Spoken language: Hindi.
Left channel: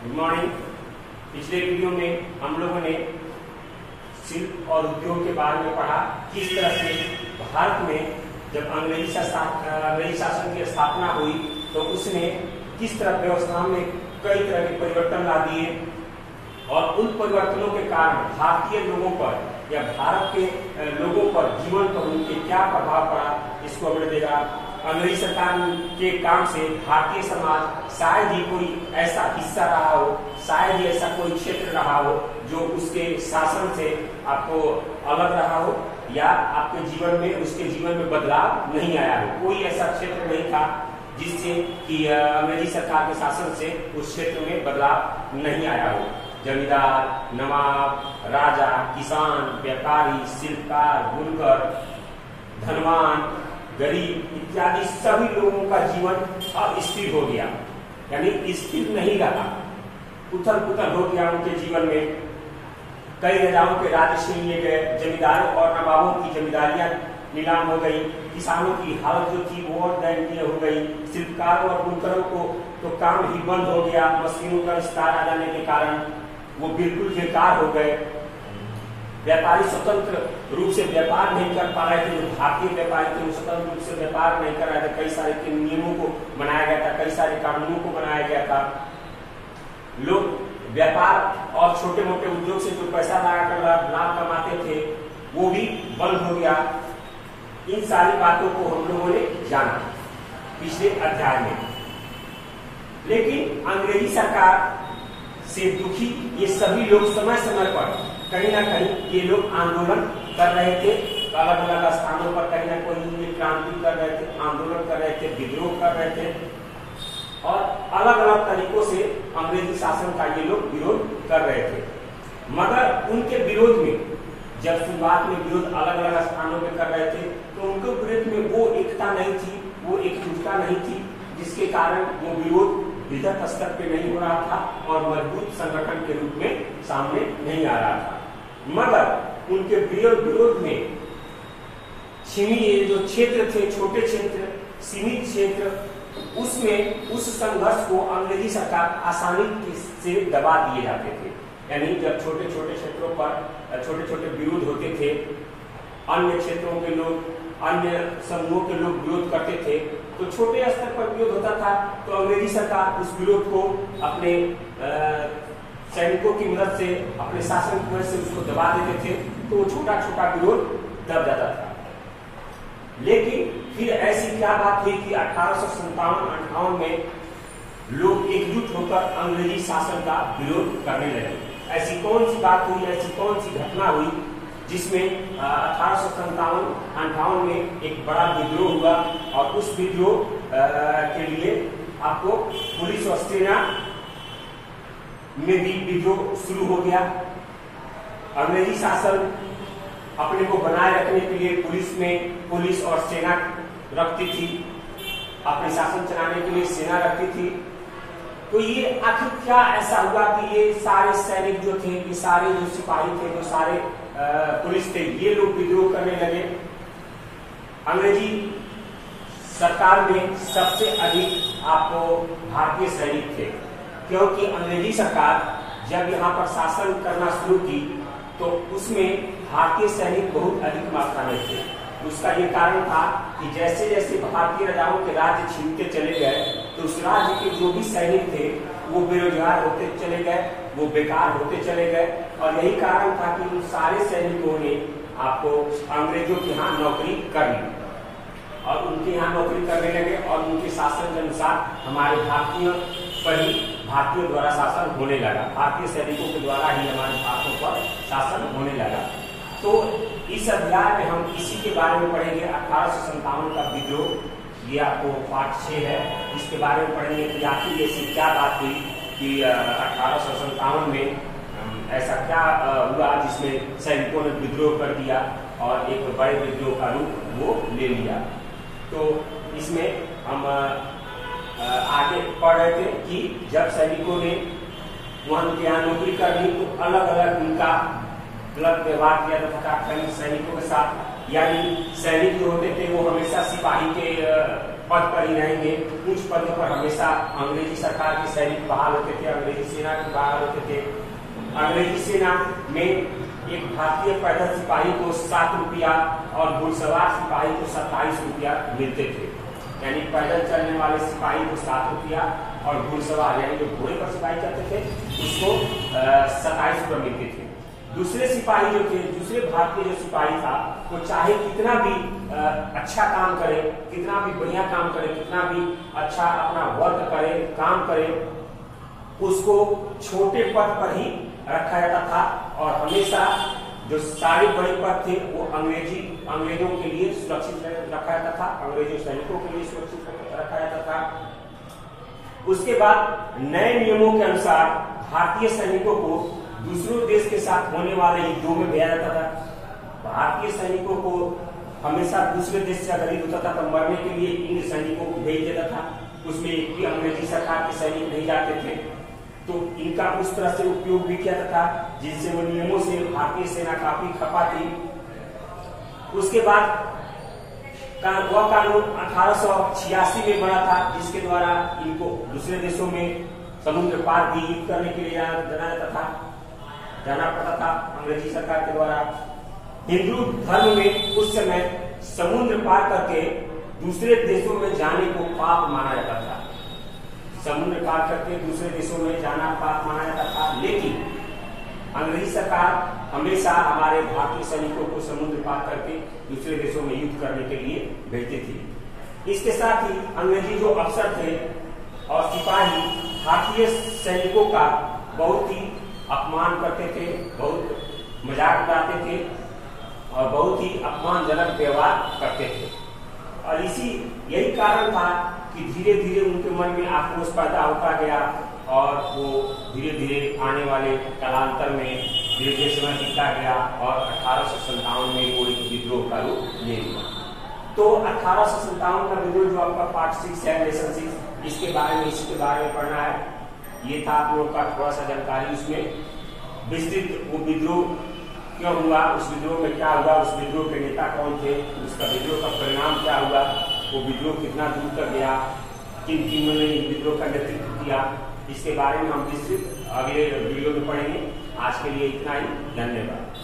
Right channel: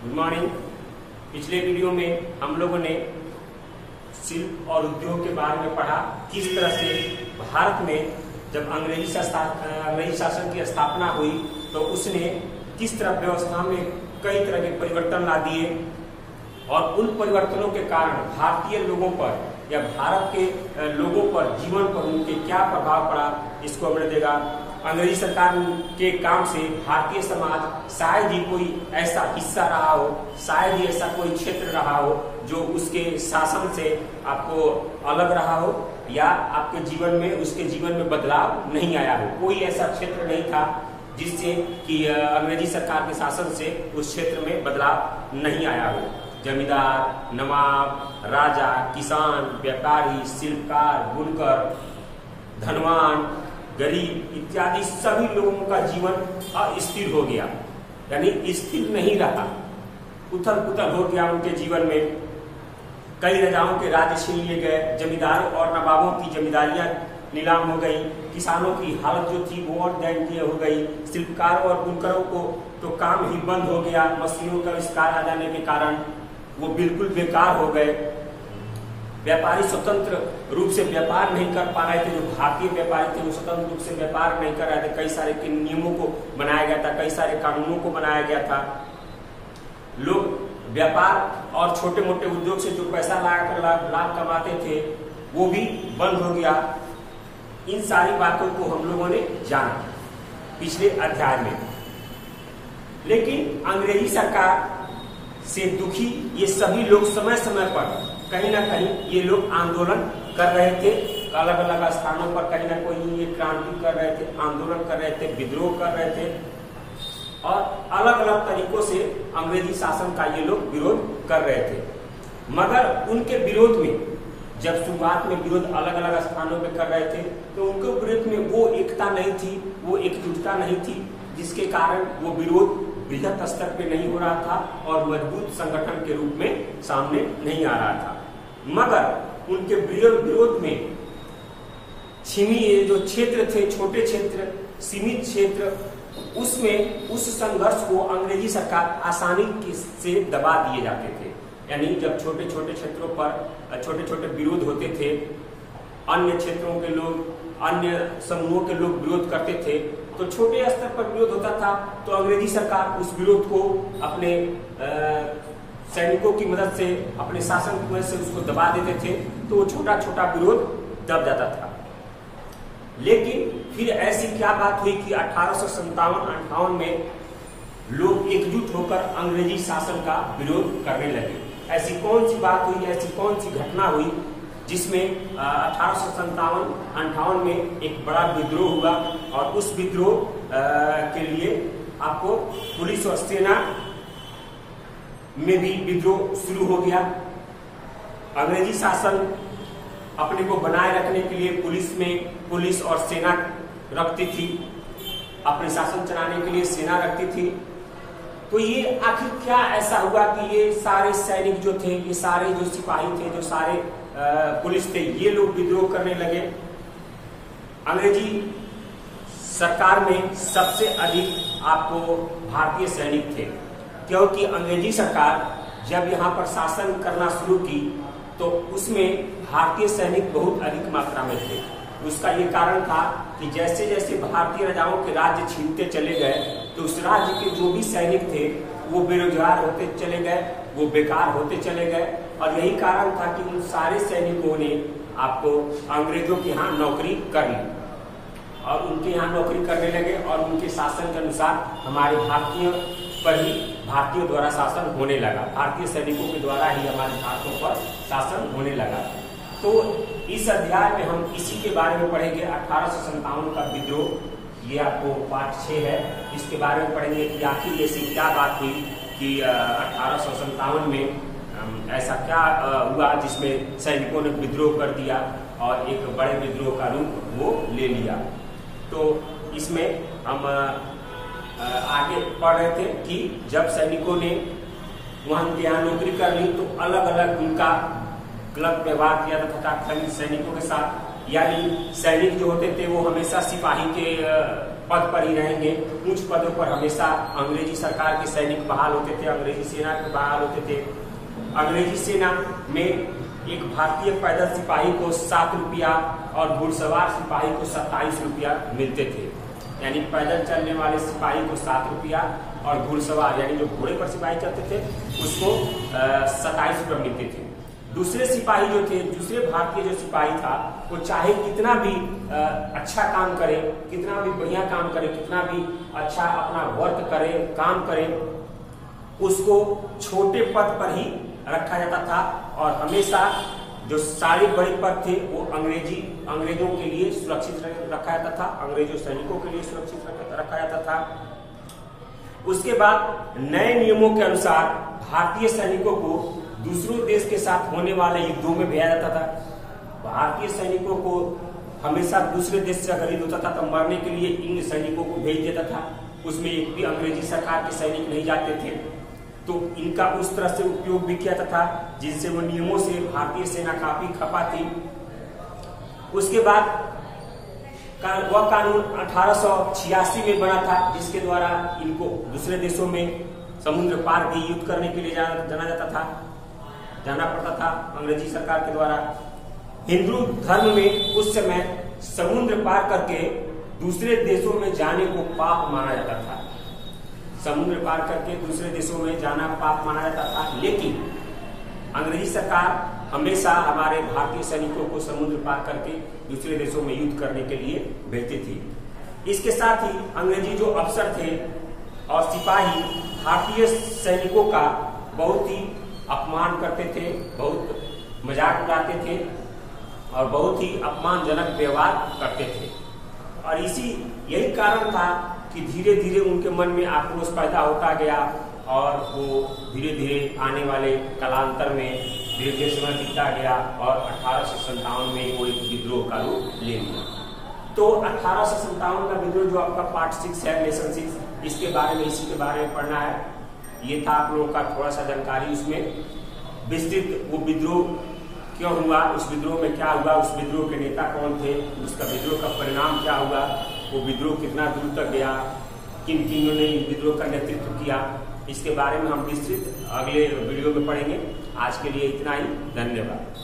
Good morning. पिछले वीडियो में हम लोगों ने शिल्प और उद्योग के बारे में पढ़ा, किस तरह से भारत में जब अंग्रेजी शासन की स्थापना हुई तो उसने किस तरह व्यवस्था में कई तरह के परिवर्तन ला दिए और उन परिवर्तनों के कारण भारतीय लोगों पर या भारत के लोगों पर जीवन पर उनके क्या प्रभाव पड़ा, इसको हमने देखा। अंग्रेजी सरकार के काम से भारतीय समाज शायद ही कोई ऐसा हिस्सा रहा हो, शायद ही ऐसा कोई क्षेत्र रहा हो जो उसके शासन से आपको अलग रहा हो या आपके जीवन में उसके जीवन में बदलाव नहीं आया हो। कोई ऐसा क्षेत्र नहीं था जिससे कि अंग्रेजी सरकार के शासन से उस क्षेत्र में बदलाव नहीं आया हो। जमींदार, नवाब, राजा, किसान, व्यापारी, शिल्पकार, बुनकर, धनवान, गरीब इत्यादि सभी लोगों का जीवन अस्थिर हो गया, यानी स्थिर नहीं रहा, उथल पुथल हो गया उनके जीवन में। कई राजाओं के राज्य छीन लिए गए, जमींदारों और नवाबों की जमींदारियां नीलाम हो गई, किसानों की हालत जो थी वो और दयनीय हो गई, शिल्पकारों और बुनकरों को तो काम ही बंद हो गया। मशीनों का विस्तार आ जाने के कारण वो बिल्कुल बेकार हो गए। व्यापारी स्वतंत्र रूप से व्यापार नहीं कर पा रहे थे, जो भारतीय व्यापारी थे वो स्वतंत्र रूप से व्यापार नहीं कर रहे थे। कई सारे नियमों को बनाया गया था, कई सारे कानूनों को बनाया गया था। लोग व्यापार और छोटे मोटे उद्योग से जो पैसा लाभ कमाते थे वो भी बंद हो गया। इन सारी बातों को हम लोगों ने जाना पिछले अध्याय में। लेकिन अंग्रेजी सरकार से दुखी ये सभी लोग समय समय पर कहीं ना कहीं ये लोग आंदोलन कर रहे थे, अलग अलग स्थानों पर कहीं ना कोई ये क्रांति कर रहे थे, आंदोलन कर रहे थे, विद्रोह कर रहे थे और अलग अलग तरीकों से अंग्रेजी शासन का ये लोग विरोध कर रहे थे। मगर उनके विरोध में जब शुरुआत में विरोध अलग अलग स्थानों पे कर रहे थे तो उनके विरोध में वो एकता नहीं थी, वो एकजुटता नहीं थी, जिसके कारण वो विरोध बृहत स्तर पे नहीं हो रहा था और मजबूत संगठन के रूप में सामने नहीं आ रहा था। मगर उनके विरोध में छिमी जो क्षेत्र थे, छोटे क्षेत्र, सीमित क्षेत्र, उसमें उस संघर्ष को अंग्रेजी सरकार आसानी से दबा दिए जाते थे। यानी जब छोटे छोटे क्षेत्रों पर छोटे छोटे विरोध होते थे, अन्य क्षेत्रों के लोग, अन्य समूहों के लोग विरोध करते थे, तो छोटे स्तर पर विरोध होता था तो अंग्रेजी सरकार उस विरोध को अपने सैनिकों की मदद से, अपने शासन की मदद से उसको दबा देते थे, तो वो छोटा छोटा विरोध दब जाता था। लेकिन फिर ऐसी क्या बात हुई कि 1857-58 में लोग एकजुट होकर अंग्रेजी शासन का विरोध करने लगे। ऐसी कौन सी बात हुई, ऐसी कौन सी घटना हुई जिसमें 1857-58 में एक बड़ा विद्रोह हुआ और उस विद्रोह के लिए आपको पुलिस और सेना में भी विद्रोह शुरू हो गया। अंग्रेजी शासन अपने को बनाए रखने के लिए पुलिस और सेना रखती थी, अपने शासन चलाने के लिए सेना रखती थी। तो ये आखिर क्या ऐसा हुआ कि ये सारे सैनिक जो थे, ये सारे जो सिपाही थे, जो सारे पुलिस थे, ये लोग विद्रोह करने लगे। अंग्रेजी सरकार में सबसे अधिक आपको भारतीय सैनिक थे, क्योंकि अंग्रेजी सरकार जब यहाँ पर शासन करना शुरू की तो उसमें भारतीय सैनिक बहुत अधिक मात्रा में थे। उसका ये कारण था कि जैसे जैसे भारतीय राजाओं के राज्य छीनते चले गए तो उस राज्य के जो भी सैनिक थे वो बेरोजगार होते चले गए, वो बेकार होते चले गए। और यही कारण था कि उन सारे सैनिकों ने आपको अंग्रेजों के यहाँ नौकरी कर ली और उनके यहाँ नौकरी करने लगे और उनके शासन के अनुसार हमारे भारतीयों द्वारा शासन होने लगा, भारतीय सैनिकों के द्वारा ही हमारे भारतों पर शासन होने लगा। तो इस अध्याय में हम इसी के बारे में पढ़ेंगे, 1857 का विद्रोह। ये आपको पाठ 6 है, इसके बारे में पढ़ेंगे कि आखिर ऐसी क्या बात हुई कि 1857 में ऐसा क्या हुआ जिसमें सैनिकों ने विद्रोह कर दिया और एक बड़े विद्रोह का रूप वो ले लिया। तो इसमें हम आगे पढ़ रहे थे कि जब सैनिकों ने वहां यहाँ नौकरी कर ली तो अलग अलग उनका गलत व्यवहार किया जाता था सैनिकों के साथ। यानी सैनिक जो होते थे वो हमेशा सिपाही के पद पर ही रहेंगे। उच्च पदों पर हमेशा अंग्रेजी सरकार के सैनिक बहाल होते थे, अंग्रेजी सेना के बहाल होते थे। अंग्रेजी सेना में एक भारतीय पैदल सिपाही को 7 रुपया और घुड़सवार सिपाही को 27 रुपया मिलते थे। यानी पैदल चलने वाले सिपाही को 7 रुपया और घुड़सवार यानी जो घोड़े पर सिपाही चलते थे उसको 27 रुपया मिलते थे। दूसरे सिपाही जो थे, दूसरे भारतीय जो सिपाही था, वो चाहे कितना भी अच्छा काम करे, कितना भी बढ़िया काम करे, कितना भी अच्छा अपना वर्क करे, काम करे, उसको छोटे पद पर ही रखा जाता था। और हमेशा जो सारे बड़े पद थे वो अंग्रेजों के लिए सुरक्षित रखा जाता था, अंग्रेजों सैनिकों के लिए सुरक्षित रखा जाता था। उसके बाद नए नियमों के अनुसार भारतीय सैनिकों को दूसरों देश के साथ होने वाले युद्धों में भेजा जाता था। भारतीय सैनिकों को हमेशा दूसरे देश से अगर युद्ध होता था तो मरने के लिए इन सैनिकों को भेज देता था। उसमें एक भी अंग्रेजी सरकार के सैनिक नहीं जाते थे, तो इनका उस तरह से उपयोग भी किया जाता था जिनसे वो नियमों से भारतीय सेना काफी खपा थी। उसके बाद वह कानून 1886 में बना था, जिसके द्वारा इनको दूसरे देशों में समुद्र पार भी युद्ध करने के लिए जाना पड़ता था अंग्रेजी सरकार के द्वारा। हिंदू धर्म में उस समय समुद्र पार करके दूसरे देशों में जाने को पाप माना जाता था। समुद्र पार करके दूसरे देशों में जाना पाप माना जाता था, लेकिन अंग्रेजी सरकार हमेशा हमारे भारतीय सैनिकों को समुद्र पार करके दूसरे देशों में युद्ध करने के लिए भेजती थी। इसके साथ ही अंग्रेजी जो अफसर थे और सिपाही भारतीय सैनिकों का बहुत ही अपमान करते थे, बहुत मजाक उड़ाते थे और बहुत ही अपमानजनक व्यवहार करते थे। और यही कारण था कि धीरे धीरे उनके मन में आक्रोश पैदा होता गया और वो धीरे धीरे आने वाले कालांतर में धीरे धीरे समय बीतता गया और 1857 में वो एक विद्रोह का रूप ले लिया। तो 1857 का विद्रोह जो आपका पार्ट 6 है लेसन 6, इसके बारे में इसी के बारे में पढ़ना है। ये था आप लोगों का थोड़ा सा जानकारी, उसमें विस्तृत वो विद्रोह क्यों हुआ, उस विद्रोह में क्या हुआ, उस विद्रोह के नेता कौन थे, उसका विद्रोह का परिणाम क्या हुआ, वो विद्रोह कितना दूर तक गया, किन किन्हों ने विद्रोह का नेतृत्व किया, इसके बारे में हम विस्तृत अगले वीडियो में पढ़ेंगे। आज के लिए इतना ही, धन्यवाद।